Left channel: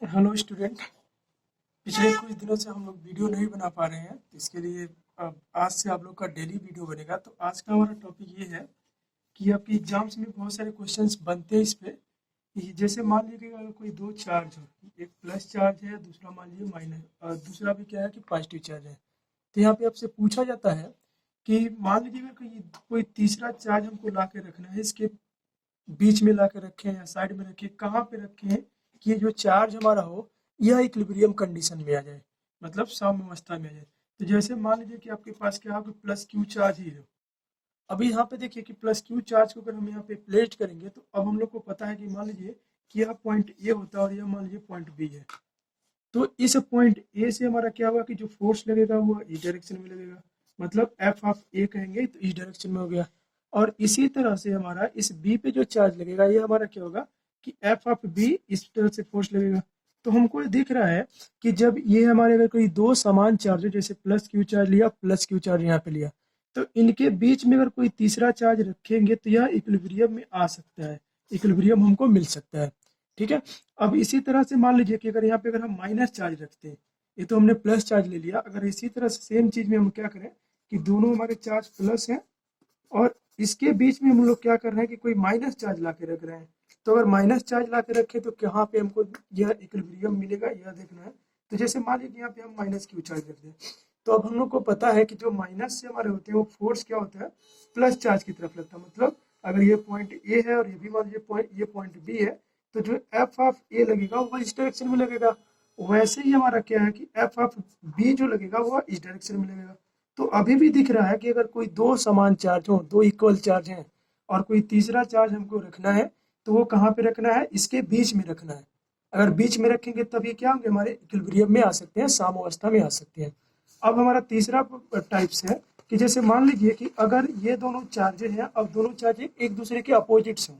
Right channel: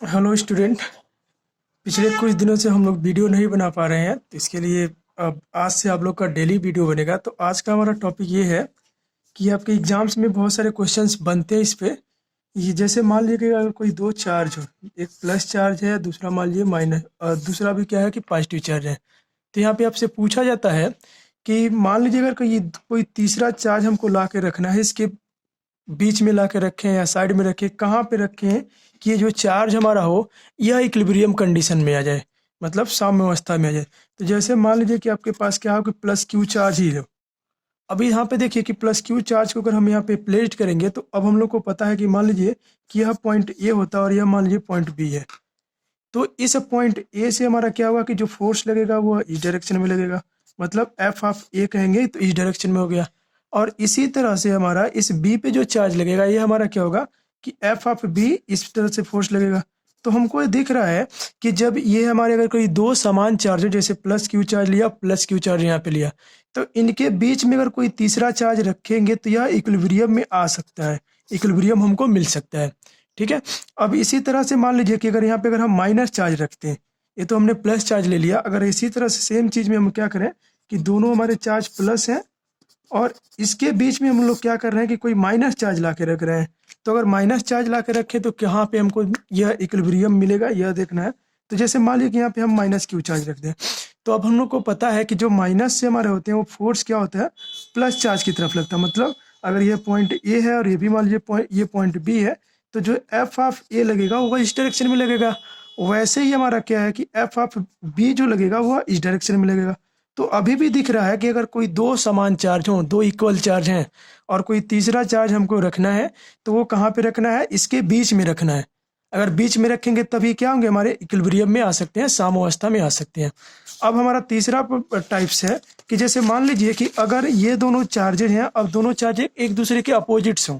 Hello student. पिछले कुछ दिनों से हम लोग वीडियो नहीं बना पा रहे हैं, तो इसके लिए अब आज से आप लोग का डेली वीडियो बनेगा। तो आज का हमारा टॉपिक ये है कि आपके एग्जाम्स में बहुत सारे क्वेश्चंस बनते हैं इस पे। ये जैसे मान लीजिए कि अगर कोई दो चार्ज हो, एक प्लस चार्ज है, दूसरा मान लीजिए माइनस, और दूसरा भी क्या है कि पॉजिटिव चार्ज है। तो यहाँ पे आपसे पूछा जाता है कि मान लीजिए अगर कोई तीसरा चार्ज हमको ला के रखना है, इसके बीच में ला के रखें या साइड में रखें, कहाँ पे रखें कि ये जो चार्ज हमारा हो यह इक्विलिब्रियम कंडीशन में आ जाए, मतलब साम्य अवस्था में आ जाए। तो जैसे मान लीजिए कि आपके पास क्या हो कि प्लस क्यू चार्ज ही हो। अभी यहाँ पे देखिए कि प्लस क्यू चार्ज को अगर हम यहाँ पे प्लेस करेंगे तो अब हम लोग को पता है कि मान लीजिए कि यह पॉइंट ए होता है और यह मान लीजिए पॉइंट बी है। तो इस पॉइंट ए से हमारा क्या हुआ कि जो फोर्स लगेगा वो इस डायरेक्शन में लगेगा, मतलब एफ ऑफ ए कहेंगे तो इस डायरेक्शन में हो गया। और इसी तरह से हमारा इस बी पे जो चार्ज लगेगा ये हमारा क्या होगा कि एफ ऑफ बी इस तरह से फोर्स लगेगा। तो हमको ये दिख रहा है कि जब ये हमारे अगर कोई दो समान चार्ज है, जैसे प्लस क्यू चार्ज लिया, प्लस क्यू चार्ज यहाँ पे लिया, तो इनके बीच में अगर कोई तीसरा चार्ज रखेंगे तो यह इक्विलिब्रियम में आ सकता है, इक्विलिब्रियम हमको मिल सकता है। ठीक है। अब इसी तरह से मान लीजिए कि अगर यहाँ पे अगर हम माइनस चार्ज रखते हैं, ये तो हमने प्लस चार्ज ले लिया, अगर इसी तरह से सेम चीज़ में हम क्या करें कि दोनों हमारे चार्ज प्लस हैं और इसके बीच में हम लोग क्या कर रहे हैं कि कोई माइनस चार्ज ला के रख रहे हैं। तो अगर माइनस चार्ज ला के रखें तो कहाँ पे हमको यह इक्विलिब्रियम मिलेगा, यह देखना है। तो जैसे मान लीजिए कि यहाँ पे हम माइनस क्यू चार्ज रख दें, तो अब हम लोग को पता है कि जो माइनस से हमारे होते हैं वो फोर्स क्या होता है, प्लस चार्ज की तरफ लगता है। मतलब अगर ये पॉइंट ए है और ये भी मान लीजिए ये पॉइंट बी है, तो जो एफ ऑफ ए लगेगा वो इस डायरेक्शन में लगेगा। वैसे ही हमारा क्या है कि एफ ऑफ बी जो लगेगा वो इस डायरेक्शन में लगेगा। तो अभी भी दिख रहा है कि अगर कोई दो समान चार्ज हो, दो इक्वल चार्ज हैं, और कोई तीसरा चार्ज हमको रखना है, तो वो कहाँ पे रखना है, इसके बीच में रखना है। अगर बीच में रखेंगे तभी क्या होंगे, हमारे इक्विलिब्रियम में आ सकते हैं, साम्यावस्था में आ सकते हैं। अब हमारा तीसरा टाइप्स है कि जैसे मान लीजिए कि अगर ये दोनों चार्जेज हैं, अब दोनों चार्ज एक दूसरे के अपोजिट्स हों।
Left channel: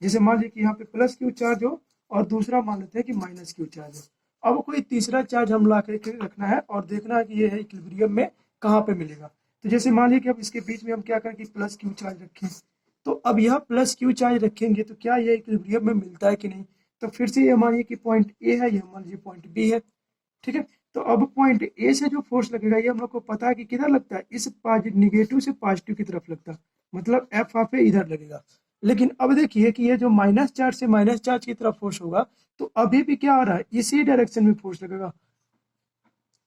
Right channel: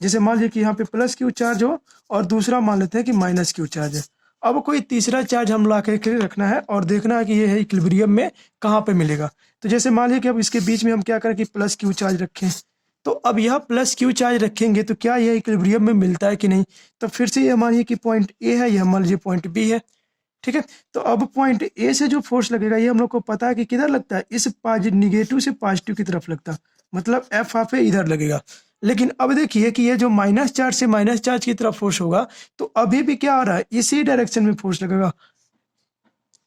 जैसे मान लीजिए कि यहाँ पे प्लस क्यू चार्ज हो और दूसरा मान लेते हैं कि माइनस क्यू चार्ज है। अब कोई तीसरा चार्ज हम ला के रखना है और देखना है कि ये है इक्विलिब्रियम में कहाँ पे मिलेगा। तो जैसे मान लीजिए कि अब इसके बीच में हम क्या करें कि प्लस क्यू चार्ज रखें। तो अब यह प्लस क्यू चार्ज रखेंगे तो क्या यह इक्विलिब्रियम में मिलता है कि नहीं। तो फिर से ये मानिए कि पॉइंट ए है, यह मान लीजिए पॉइंट बी है। ठीक है। तो अब पॉइंट ए से जो फोर्स लगेगा ये हम लोग को पता है कि किधर लगता है, इस निगेटिव से पॉजिटिव की तरफ लगता है, मतलब एफ ऑफ ए इधर लगेगा। लेकिन अब देखिए कि ये जो माइनस चार्ज से माइनस चार्ज की तरफ फोर्स होगा, तो अभी भी क्या हो रहा है, इसी डायरेक्शन में फोर्स लगेगा।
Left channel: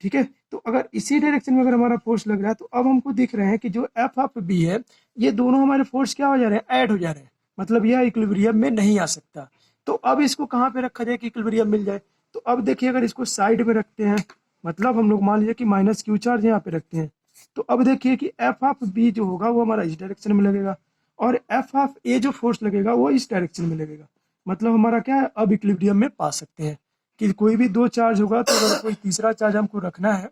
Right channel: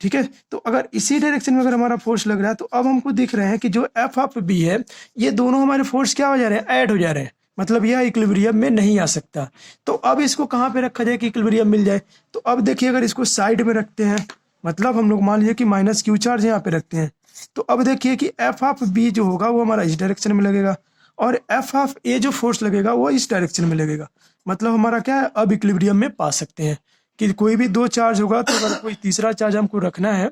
ठीक है। तो अगर इसी डायरेक्शन में अगर हमारा फोर्स लग रहा है, तो अब हमको दिख रहे हैं कि जो एफ ऑफ बी है, ये दोनों हमारे फोर्स क्या हो जा रहे हैं, ऐड हो जा रहे हैं। मतलब यह इक्विलिब्रियम में नहीं आ सकता। तो अब इसको कहाँ पे रखा जाए कि इक्विलिब्रियम मिल जाए। तो अब देखिए अगर इसको साइड में रखते हैं, मतलब हम लोग मान लीजिए कि माइनस क्यू चार्ज यहाँ पे रखते हैं, तो अब देखिए कि एफ ऑफ बी जो होगा वो हमारा इस डायरेक्शन में लगेगा और एफ ऑफ ए जो फोर्स लगेगा वो इस डायरेक्शन में लगेगा। मतलब हमारा क्या है, अब इक्विलिब्रियम में पा सकते हैं कि कोई भी दो चार्ज होगा, तो अगर कोई तीसरा चार्ज हमको रखना है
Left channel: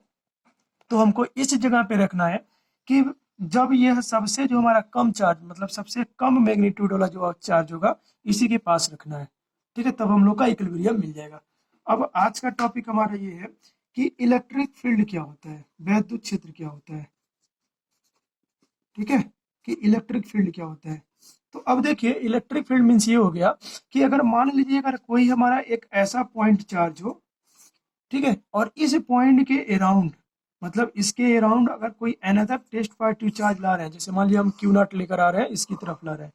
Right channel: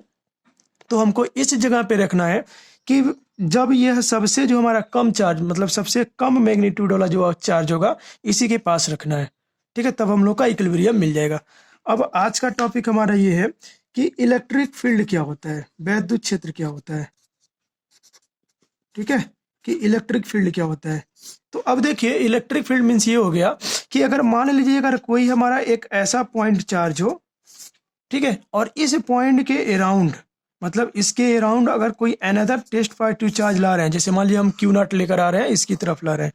तो हमको इस जगह पे रखना है कि जब यह सबसे जो हमारा कम चार्ज, मतलब सबसे कम मैग्नीट्यूड वाला जो चार्ज होगा इसी के पास रखना है। ठीक है, तब हम लोग का इक्विलिब्रियम मिल जाएगा। अब आज का टॉपिक हमारा ये है कि इलेक्ट्रिक फील्ड क्या होता है, वैद्युत क्षेत्र क्या होता है। ठीक है, कि इलेक्ट्रिक फील्ड क्या होता है। तो अब देखिए इलेक्ट्रिक फील्ड मीन्स ये हो गया कि अगर मान लीजिए अगर कोई हमारा एक ऐसा पॉइंट चार्ज हो, ठीक है, और इस पॉइंट के अराउंड, मतलब इसके अराउंड अगर कोई अनदर टेस्ट पॉजिटिव चार्ज ला रहे हैं, जैसे मान लीजिए हम क्यू नॉट लेकर आ रहे हैं, इसकी तरफ ला रहे हैं,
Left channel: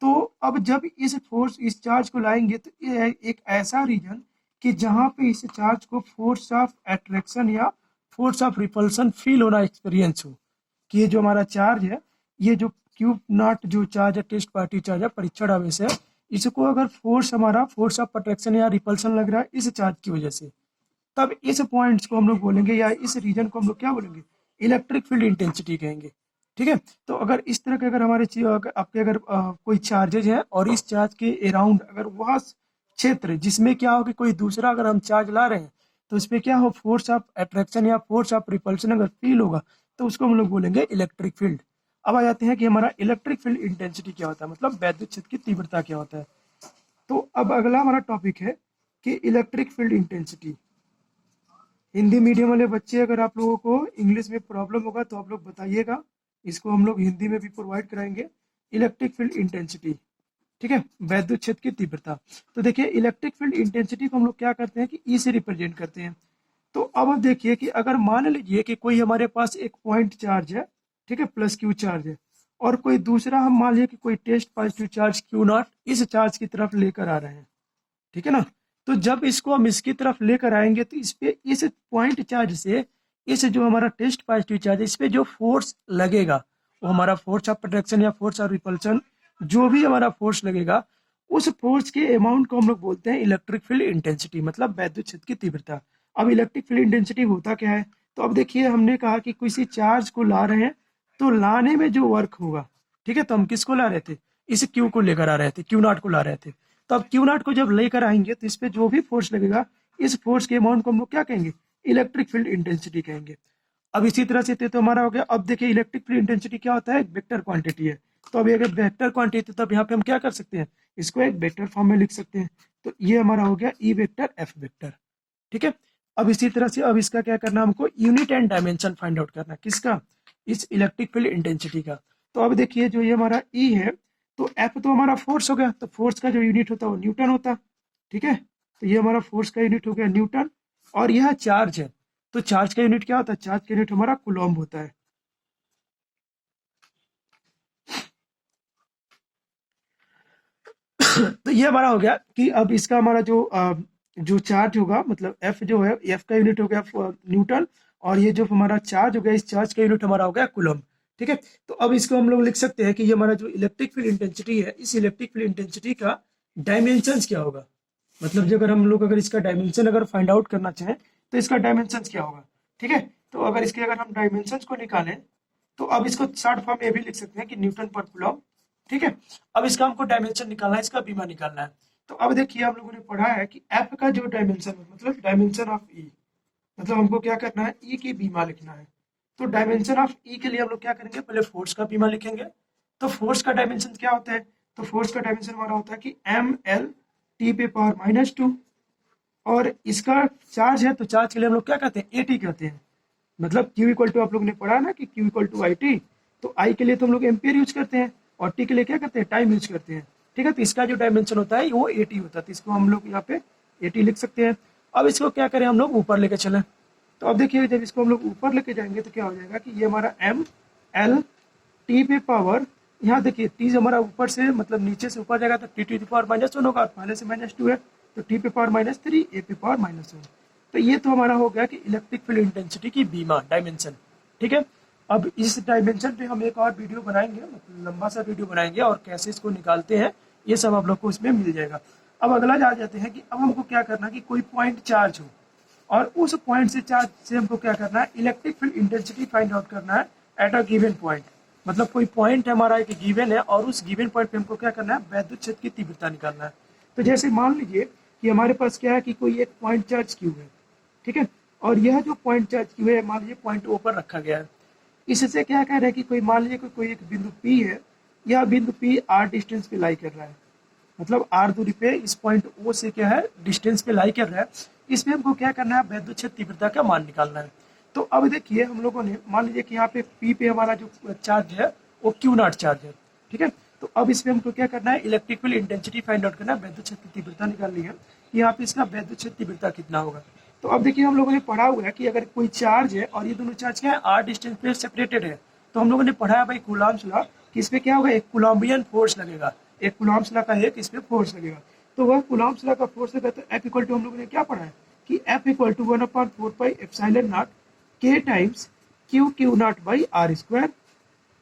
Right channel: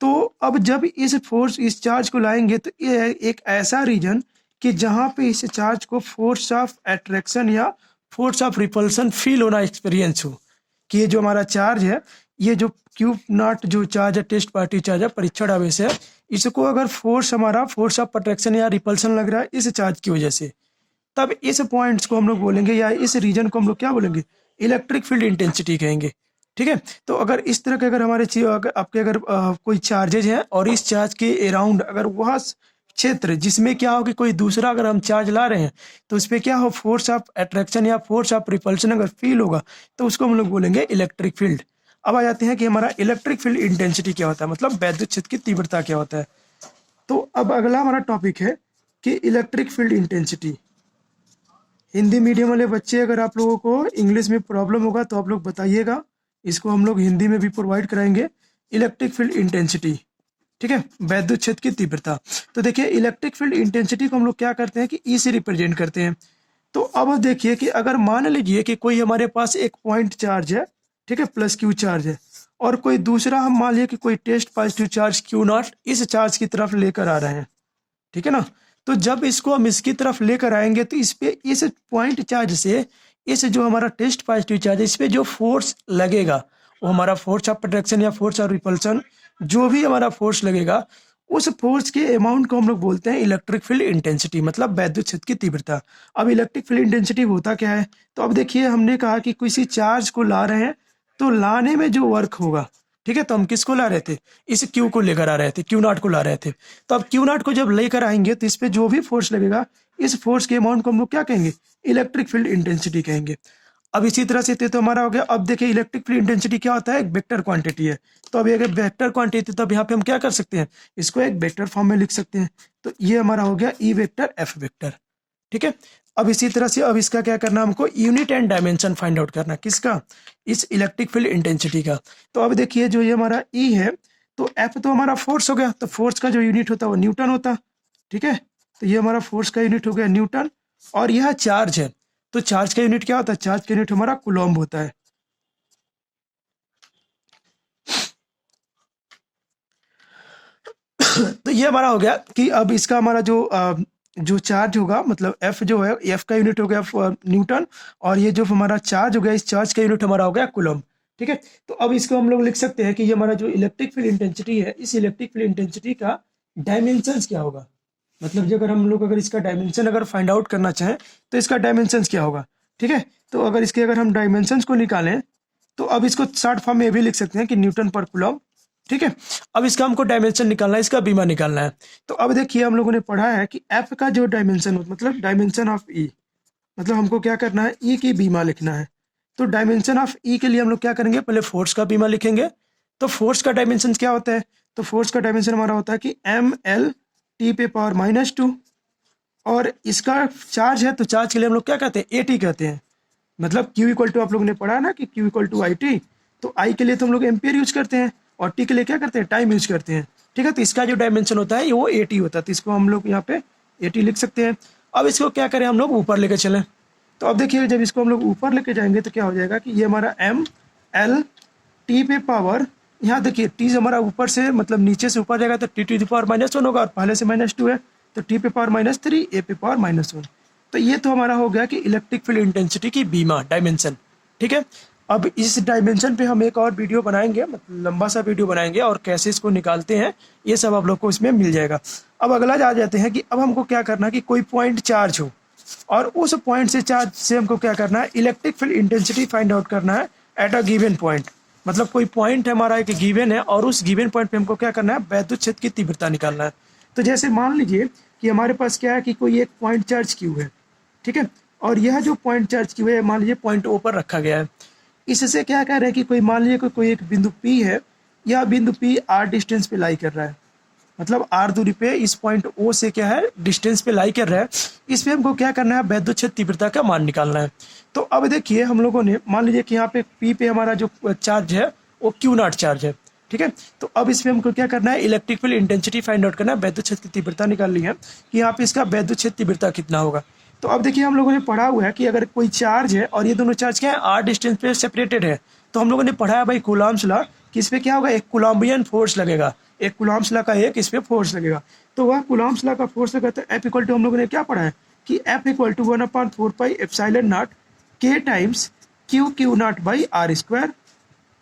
तो अब जब इस चार्ज को लाएंगे तो ये एक ऐसा रीजन कि जहाँ पे इस चार्ज को फोर्स ऑफ अट्रैक्शन या फोर्स ऑफ रिपल्सन फील होना, एक्सपीरियंस हो कि ये जो हमारा चार्ज है, ये जो क्यू नॉट जो चार्ज है, टेस्ट पॉजिटिव चार्ज है, परीक्षण आवेश है, इसको अगर फोर्स हमारा फोर्स ऑफ अट्रैक्शन या रिपल्सन लग रहा है इस चार्ज की वजह से, तब इस पॉइंट्स को हम लोग बोलेंगे या इस रीजन को हम लोग क्या बोलेंगे, इलेक्ट्रिक फील्ड इंटेंसिटी कहेंगे। ठीक है। तो अगर इस तरह के अगर हमारे आपके अगर कोई चार्जेज हैं और इस चार्ज के अराउंड अगर वह क्षेत्र जिसमें क्या हो कि कोई दूसरा अगर हम चार्ज ला रहे हैं, तो उस पर क्या हो, फोर्स ऑफ अट्रैक्शन या फोर्स ऑफ रिपल्शन अगर फील होगा, तो उसको हम लोग बोलेंगे इलेक्ट्रिक फील्ड। अब आ जाते हैं कि हमारा इलेक्ट्रिक फील्ड इंटेंसिटी क्या होता है, मतलब वैद्युत क्षेत्र की तीव्रता क्या होता है। तो अब अगला हमारा टॉपिक है कि electric field intensity. Hindi medium वाले बच्चे अगर आप लोगों को इंग्लिश में प्रॉब्लम होगा तो आप लोग बताइएगा, इसको हम लोग हिंदी में भी प्रोवाइड कराएंगे। इलेक्ट्रिक फील्ड इंटेंसिटी ठीक है, वैद्युत क्षेत्र की तीव्रता। तो देखिए इलेक्ट्रिक फील्ड इंटेंसिटी को हम लोग क्या करते हैं कि ई से रिप्रेजेंट करते हैं। तो अब देखिए कि अगर मान लीजिए कि कोई हमारे पास एक पॉइंट चार्ज है, ठीक है, प्लस क्यू चार्ज है, और कोई दूसरा हम मान लीजिए कि कोई test positive charge Q naught इस चार्ज की तरफ लेकर आ रहे हैं, ठीक है ना। तो जब इसको हम इसकी तरफ लेकर आएंगे तो इस पे इस पॉइंट चार्ज से इस जो हमारा टेस्ट पॉजिटिव चार्ज है इस पे जो फोर्स लगेगा वो हमारा फोर्स ऑफ अट्रैक्शन या फोर्स ऑफ रिपल्सन, जो भी हमारा फोर्स लगेगा उस फोर्स के अमाउंट को हम लोग बोलते हैं इलेक्ट्रिक फील्ड इंटेंसिटी, मतलब वैद्युत क्षेत्र की तीव्रता। अब इलेक्ट्रिक फील्ड इंटेंसिटी होता क्या है, तो अब देखिए हमने कहा कि किसी चार्ज को ला रहे हैं तो लाने में जो वर्क होगा, ठीक है, तो हम किसको ला रहे थे, इस क्यू को लेकर आ रहे थे, क्यू नॉट को ला रहे थे। तो अब क्यू नॉट को जब लेकर आएंगे तो इस पे जो भी फोर्स लगेगा इस फोर्स के अमाउंट को हम लोग क्या कहेंगे, इलेक्ट्रिक फील्ड इंटेंसिटी कहेंगे। अब इसी तरह से तो हमारा हो गया। अब देखिए इलेक्ट्रिक फील्ड इंटेंसिटी क्या होता है, एक वेक्टर क्वांटिटी है। तो अब अगर वेक्टर क्वांटिटी तब यहाँ पे हम क्या कर सकते हैं, इसको एक वेक्टर फॉर्म में लिख सकते हैं। तो ये हमारा हो गया ई वेक्टर एफ वेक्टर, ठीक है। अब इसी तरह से अब इसका क्या करना है, हमको unit and dimension find out करना, किसका, इस इलेक्ट्रिक फील्ड इंटेंसिटी का। तो अब देखिए जो ये हमारा ई है, तो एफ तो हमारा फोर्स हो गया, तो फोर्स का जो यूनिट होता है वो न्यूटन होता, ठीक है। तो ये हमारा फोर्स का यूनिट हो गया न्यूटन, और यह चार्ज है, तो चार्ज का यूनिट क्या होता है, चार्ज का यूनिट हमारा कूलम्ब होता है। तो ये हमारा हो गया कि अब इसका हमारा जो चार्ज होगा, मतलब एफ जो है, एफ का यूनिट हो गया न्यूटन, और ये जो हमारा चार्ज हो गया, इस चार्ज का यूनिट हमारा हो गया कूलम्ब, ठीक है। तो अब इसको हम लोग लिख सकते हैं कि ये हमारा जो इलेक्ट्रिक फील्ड इंटेंसिटी है, इस इलेक्ट्रिक फील्ड इंटेंसिटी का डायमेंशंस क्या होगा, मतलब जो अगर हम लोग अगर इसका डायमेंशन अगर फाइंड आउट करना चाहें तो इसका डायमेंशंस क्या होगा, ठीक है। तो अगर इसके अगर हम डायमेंशंस को निकालें तो अब इसको शॉर्ट फॉर्म में ये भी लिख सकते हैं कि न्यूटन पर कूलम्ब, ठीक है। अब इसका हमको डायमेंशन निकालना है, इसका बीमा निकालना है। तो अब देखिए हम लोगों ने पढ़ा है कि एफ का जो डायमेंशन मतलब डायमेंशन ऑफ ई, मतलब हमको क्या करना है, ई की बीमा लिखना है। तो डायमेंशन ऑफ ई के लिए हम लोग क्या करेंगे, पहले फोर्स का बीमा लिखेंगे। तो फोर्स का डायमेंशन क्या होता है, तो फोर्स का डायमेंशन हमारा होता है कि एम एल टी पे पावर -2, और इसका चार्ज है तो चार्ज के लिए हम लोग क्या कहते हैं, ए टी कहते हैं। मतलब Q इक्वल टू आप लोगों ने पढ़ा है ना कि Q equal to I T, तो I के लिए तो हम लोग एम्पियर यूज करते हैं और T के लिए क्या करते हैं, टाइम यूज करते हैं, ठीक है। तो इसका जो डायमेंशन होता है वो AT होता है, तो इसको हम लोग यहाँ पे AT लिख सकते हैं। अब इसको क्या करें, हम लोग ऊपर लेके चलें। तो अब देखिए जब इसको हम लोग ऊपर लेके जाएंगे तो क्या हो जाएगा कि ये हमारा एम एल टी पे पावर, यहाँ देखिए टी हमारा ऊपर से मतलब नीचे से ऊपर जाएगा तो टी टू द पावर -1 होगा, और पहले से -2 है तो टी पे पावर -3, ए पे पावर -1। तो ये तो हमारा हो गया कि इलेक्ट्रिक फील्ड इंटेंसिटी की बीमा डायमेंशन, ठीक है। अब इस डायमेंशन पे हम एक और वीडियो बनाएंगे, मतलब लंबा सा वीडियो बनाएंगे, और कैसे इसको निकालते हैं ये सब आप लोग को इसमें मिल जाएगा। अब अगला जा जाते हैं कि अब हमको क्या करना है कि कोई पॉइंट चार्ज हो, और उस पॉइंट से चार्ज से हमको क्या करना है, electric field intensity find out करना है एट अ गिवन पॉइंट। मतलब कोई पॉइंट हमारा एक गिवन है और उस गिवन पॉइंट पे हमको क्या करना है, वैद्युत क्षेत्र की तीव्रता निकालना है। तो जैसे मान लीजिए कि हमारे पास क्या है कि कोई एक पॉइंट चार्ज क्यू है, ठीक है, और यह जो पॉइंट चार्ज क्यू है मान लीजिए पॉइंट ओ पर रखा गया है। इससे क्या कह रहे हैं कि कोई मान लीजिए कोई एक बिंदु पी है, यह बिंदु पी आर डिस्टेंस पे लाई कर रहा है, मतलब आर दूरी पे इस पॉइंट ओ से क्या है, डिस्टेंस पे लाई कर रहा है। इस पे हमको क्या करना है, वैद्युत क्षेत्र तीव्रता का मान निकालना है। तो अब देखिए हम लोगों ने मान लीजिए कि यहाँ पे पी पे हमारा जो चार्ज है वो क्यू नॉट चार्ज है, ठीक है। तो अब इसमें हमको क्या करना है, electric field intensity find out करना है, वैद्युत क्षेत्र की तीव्रता निकालनी है कि यहाँ पे इसका वैद्युत क्षेत्र तीव्रता कितना होगा। तो अब देखिए हम लोगों ने पढ़ा हुआ है कि अगर कोई चार्ज है और ये दोनों चार्ज क्या है, आर डिस्टेंस पे सेपरेटेड है, तो हम लोगों ने पढ़ा है भाई कूलम्ब्स लॉ कि इस पे क्या होगा, एक कूलम्बियन फोर्स लगेगा, एक कूलम्ब्स लॉ का एक इस पे फोर्स लगेगा। तो वह कूलम्ब्स लॉ का फोर्स लगा, तो एफ इक्वल टू हम लोगों ने क्या पढ़ा है कि F equal to 1/4 pi epsilon naught के times Q naught by R square,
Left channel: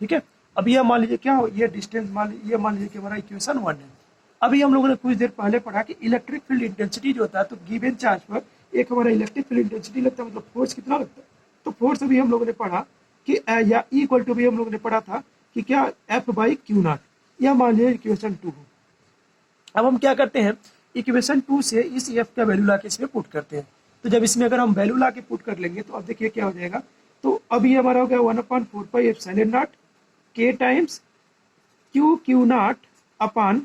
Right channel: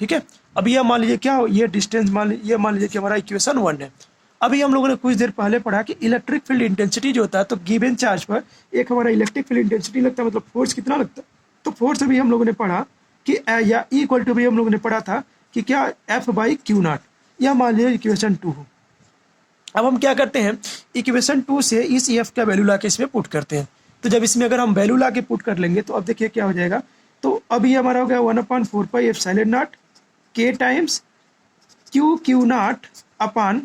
ठीक है। अब यह मान लीजिए क्या हो, ये डिस्टेंस मान लीजिए कि हमारा इक्वेशन 1 है। अभी हम लोगों ने कुछ देर पहले पढ़ा कि इलेक्ट्रिक फील्ड इंटेंसिटी जो होता है, तो गिवन चार्ज पर एक हमारा इलेक्ट्रिक फील्ड इंटेंसिटी लगता है, मतलब फोर्स कितना लगता है। तो फोर्स अभी हम लोगों ने पढ़ा कि या ई इक्वल टू भी हम लोगों ने पढ़ा था कि क्या एफ बाई क्यू नॉट, यह मान लीजिए इक्वेशन 2 हो। अब हम क्या करते हैं, इक्वेशन 2 से इस एफ का वैल्यू ला के इसमें पुट करते हैं। तो जब इसमें अगर हम वैल्यू ला के पुट कर लेंगे तो अब देखिए क्या हो जाएगा। तो अभी हमारा हो गया 1/4 पाई एप्सिलॉन नॉट के times Q naught upon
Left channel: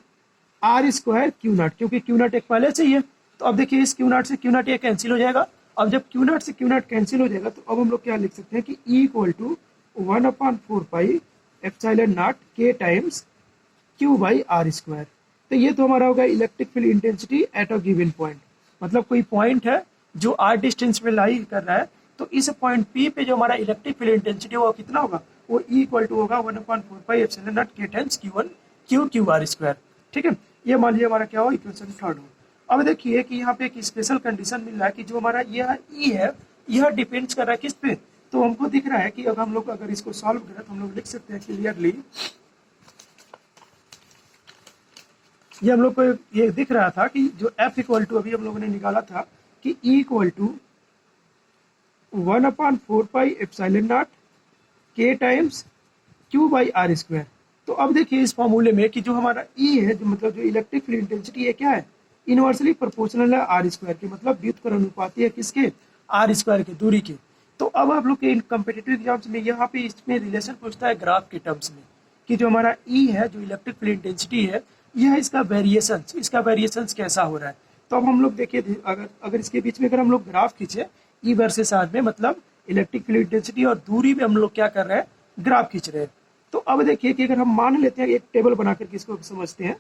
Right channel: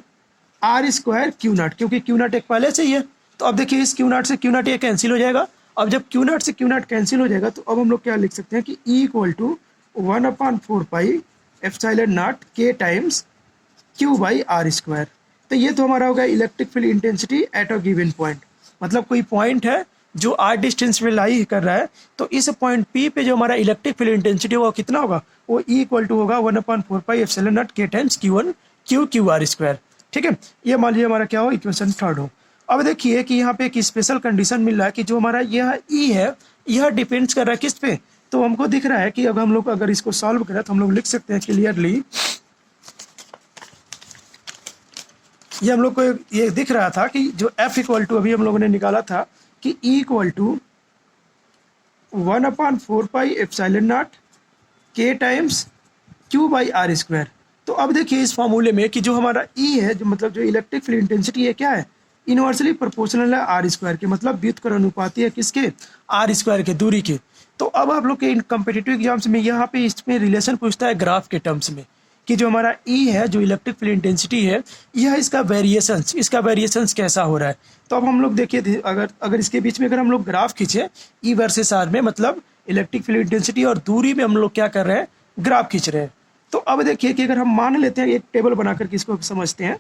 R square Q naught, क्योंकि क्यू नॉट एक पहले से ही है। तो अब देखिए इस क्यू नॉट से क्यू नॉट ये कैंसिल हो जाएगा। अब जब क्यू नॉट से क्यू नॉट कैंसिल हो जाएगा तो अब हम लोग क्या लिख सकते हैं कि E equal to 1/4 pi epsilon naught के times Q by R square. तो ये तो हमारा होगा electric field intensity at a given point, मतलब कोई पॉइंट है जो आर डिस्टेंस पे लाई कर रहा है, तो इस पॉइंट पी पे जो हमारा इलेक्ट्रिक फील्ड इंटेंसिटी वो कितना होगा, वो ई इक्वल टू होगा 1/4πε0 के times Q1 Q R square. ठीक है, ये मान लीजिए हमारा क्या हो, इक्वेशन थर्ड हो। अब देखिए कि यहाँ पे एक स्पेशल कंडीशन मिल रहा है कि जो हमारा यह ई है यह डिपेंड्स कर रहा है किस पे, तो हमको दिख रहा है कि अब हम लोग अगर इसको सॉल्व करें तो हम लोग लिख सकते हैं क्लियरली, ये हम लोग को ये दिख रहा था कि जो F इक्वल टू अभी हम लोगों ने निकाला था कि E इक्वल टू 1/4πε0 के टाइम्स Q/r स्क्वायर। तो अब देखिए इस फॉर्मूले में कि जो हमारा E है, जो मतलब जो इलेक्ट्रिक फील्ड इंटेंसिटी है क्या है, इनवर्सली प्रोपोर्शनल है आर स्क्वायर के, मतलब व्युत्क्रमानुपाती है किसके, आर स्क्वायर के, दूरी के। तो अब आप लोग के इन कम्पिटिटिव एग्जाम्स में यहाँ पे इसमें रिलेशन पूछता है ग्राफ के टर्म्स में कि जो हमारा ई है, जो इलेक्ट्रिक फील्ड इंटेंसिटी है, यह इसका वेरिएशंस कैसा हो रहा है। तो अब हम लोग देखिए अगर इसके बीच में अगर हम लोग ग्राफ खींचे ई वर्सेस आर में, मतलब इलेक्ट्रिक फील्ड इंटेंसिटी और दूरी में हम लोग क्या कर रहे हैं, ग्राफ खींच रहे हैं। तो अब देखिए कि अगर हम मान लेते हैं, एक टेबल बना करके इसको समझते हैं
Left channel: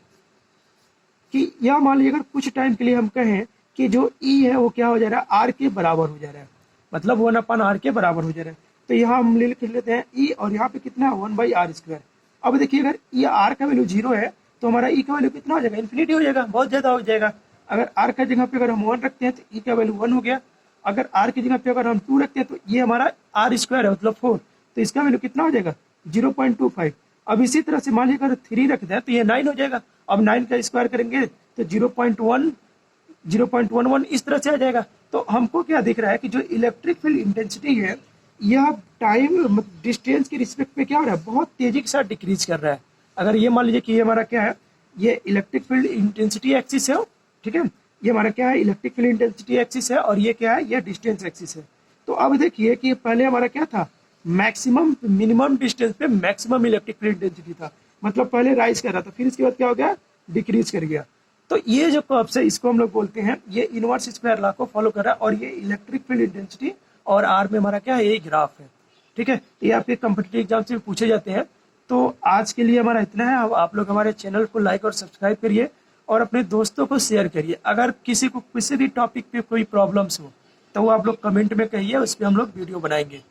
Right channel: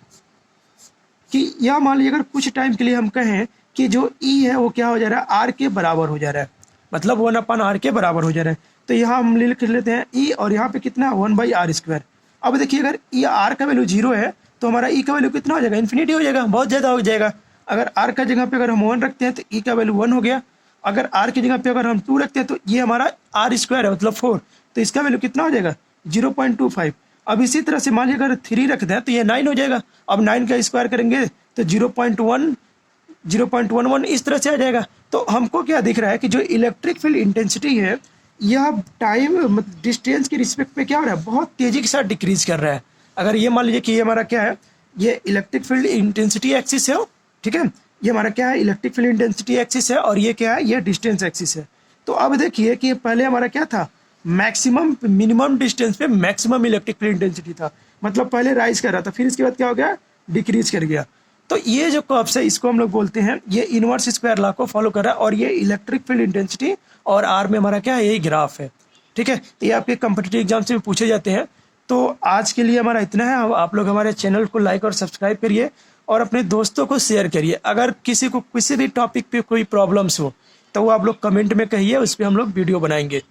कि यह मान लीजिए अगर कुछ टाइम के लिए हम कहें कि जो ई है वो क्या हो जा रहा है, आर के बराबर हो जा रहा है, मतलब 1/r के बराबर हो जा रहा है। तो यहाँ हम लिख लेते हैं ई, और यहाँ पे कितना है 1/r स्क्वायर। अब देखिए अगर ई आर का वैल्यू 0 है तो हमारा ई का वैल्यू कितना हो जाएगा, इन्फिनिटी हो जाएगा, बहुत ज़्यादा हो जाएगा। अगर आर का जगह पे अगर हम 1 रखते हैं तो ई का वैल्यू 1 हो गया। अगर आर की जगह पे अगर हम 2 रखते हैं तो ये हमारा आर स्क्वायर है, मतलब 4, तो इसका वैल्यू कितना हो जाएगा 0.25। अब इसी तरह से मान लीजिए अगर 3 रख दें तो ये 9 हो जाएगा। अब 9 का स्क्वायर करेंगे तो 0.11 इस तरह से आ जाएगा। तो हमको क्या दिख रहा है कि जो इलेक्ट्रिक फील्ड इंटेंसिटी है यह टाइम डिस्टेंस के रिस्पेक्ट में क्या हो रहा है, बहुत तेजी के साथ डिक्रीज कर रहा है। अगर ये मान लीजिए कि ये हमारा क्या है, ये इलेक्ट्रिक फील्ड इंटेंसिटी एक्सिस है, ठीक है, ये हमारा क्या है, इलेक्ट्रिक फील्ड इंटेंसिटी एक्सिस है, और ये क्या है, ये डिस्टेंस एक्सिस है। तो अब देखिए कि पहले हमारा क्या था, मैक्सिमम मिनिमम डिस्टेंस पे मैक्सिमम इलेक्ट्रिक फील्ड इंटेंसिटी था, मतलब पहले राइज कर रहा था, फिर इसके बाद क्या हो गया, डिक्रीज कर गया। तो ये जो कर्व्स है इसको हम लोग बोलते हैं, ये इनवर्स स्क्वायर लॉ को फॉलो कर रहा है, और ये इलेक्ट्रिक फील्ड इंटेंसिटी और आर में हमारा क्या है, ये ग्राफ है। ठीक है, तो ये आपके कम्पिटिटिव एग्जाम से भी पूछे जाते हैं। तो आज के लिए हमारा इतना है। आप लोग हमारे चैनल को लाइक और सब्सक्राइब करिए और अपने दोस्तों को शेयर करिए। अगर किसी को किसी भी टॉपिक पे कोई प्रॉब्लम्स हो तो वो आप लोग कमेंट में कहिए, उस पर हम लोग वीडियो बनाएंगे।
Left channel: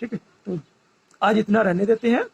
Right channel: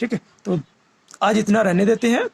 ठीक है, तो आज इतना रहने देते हैं।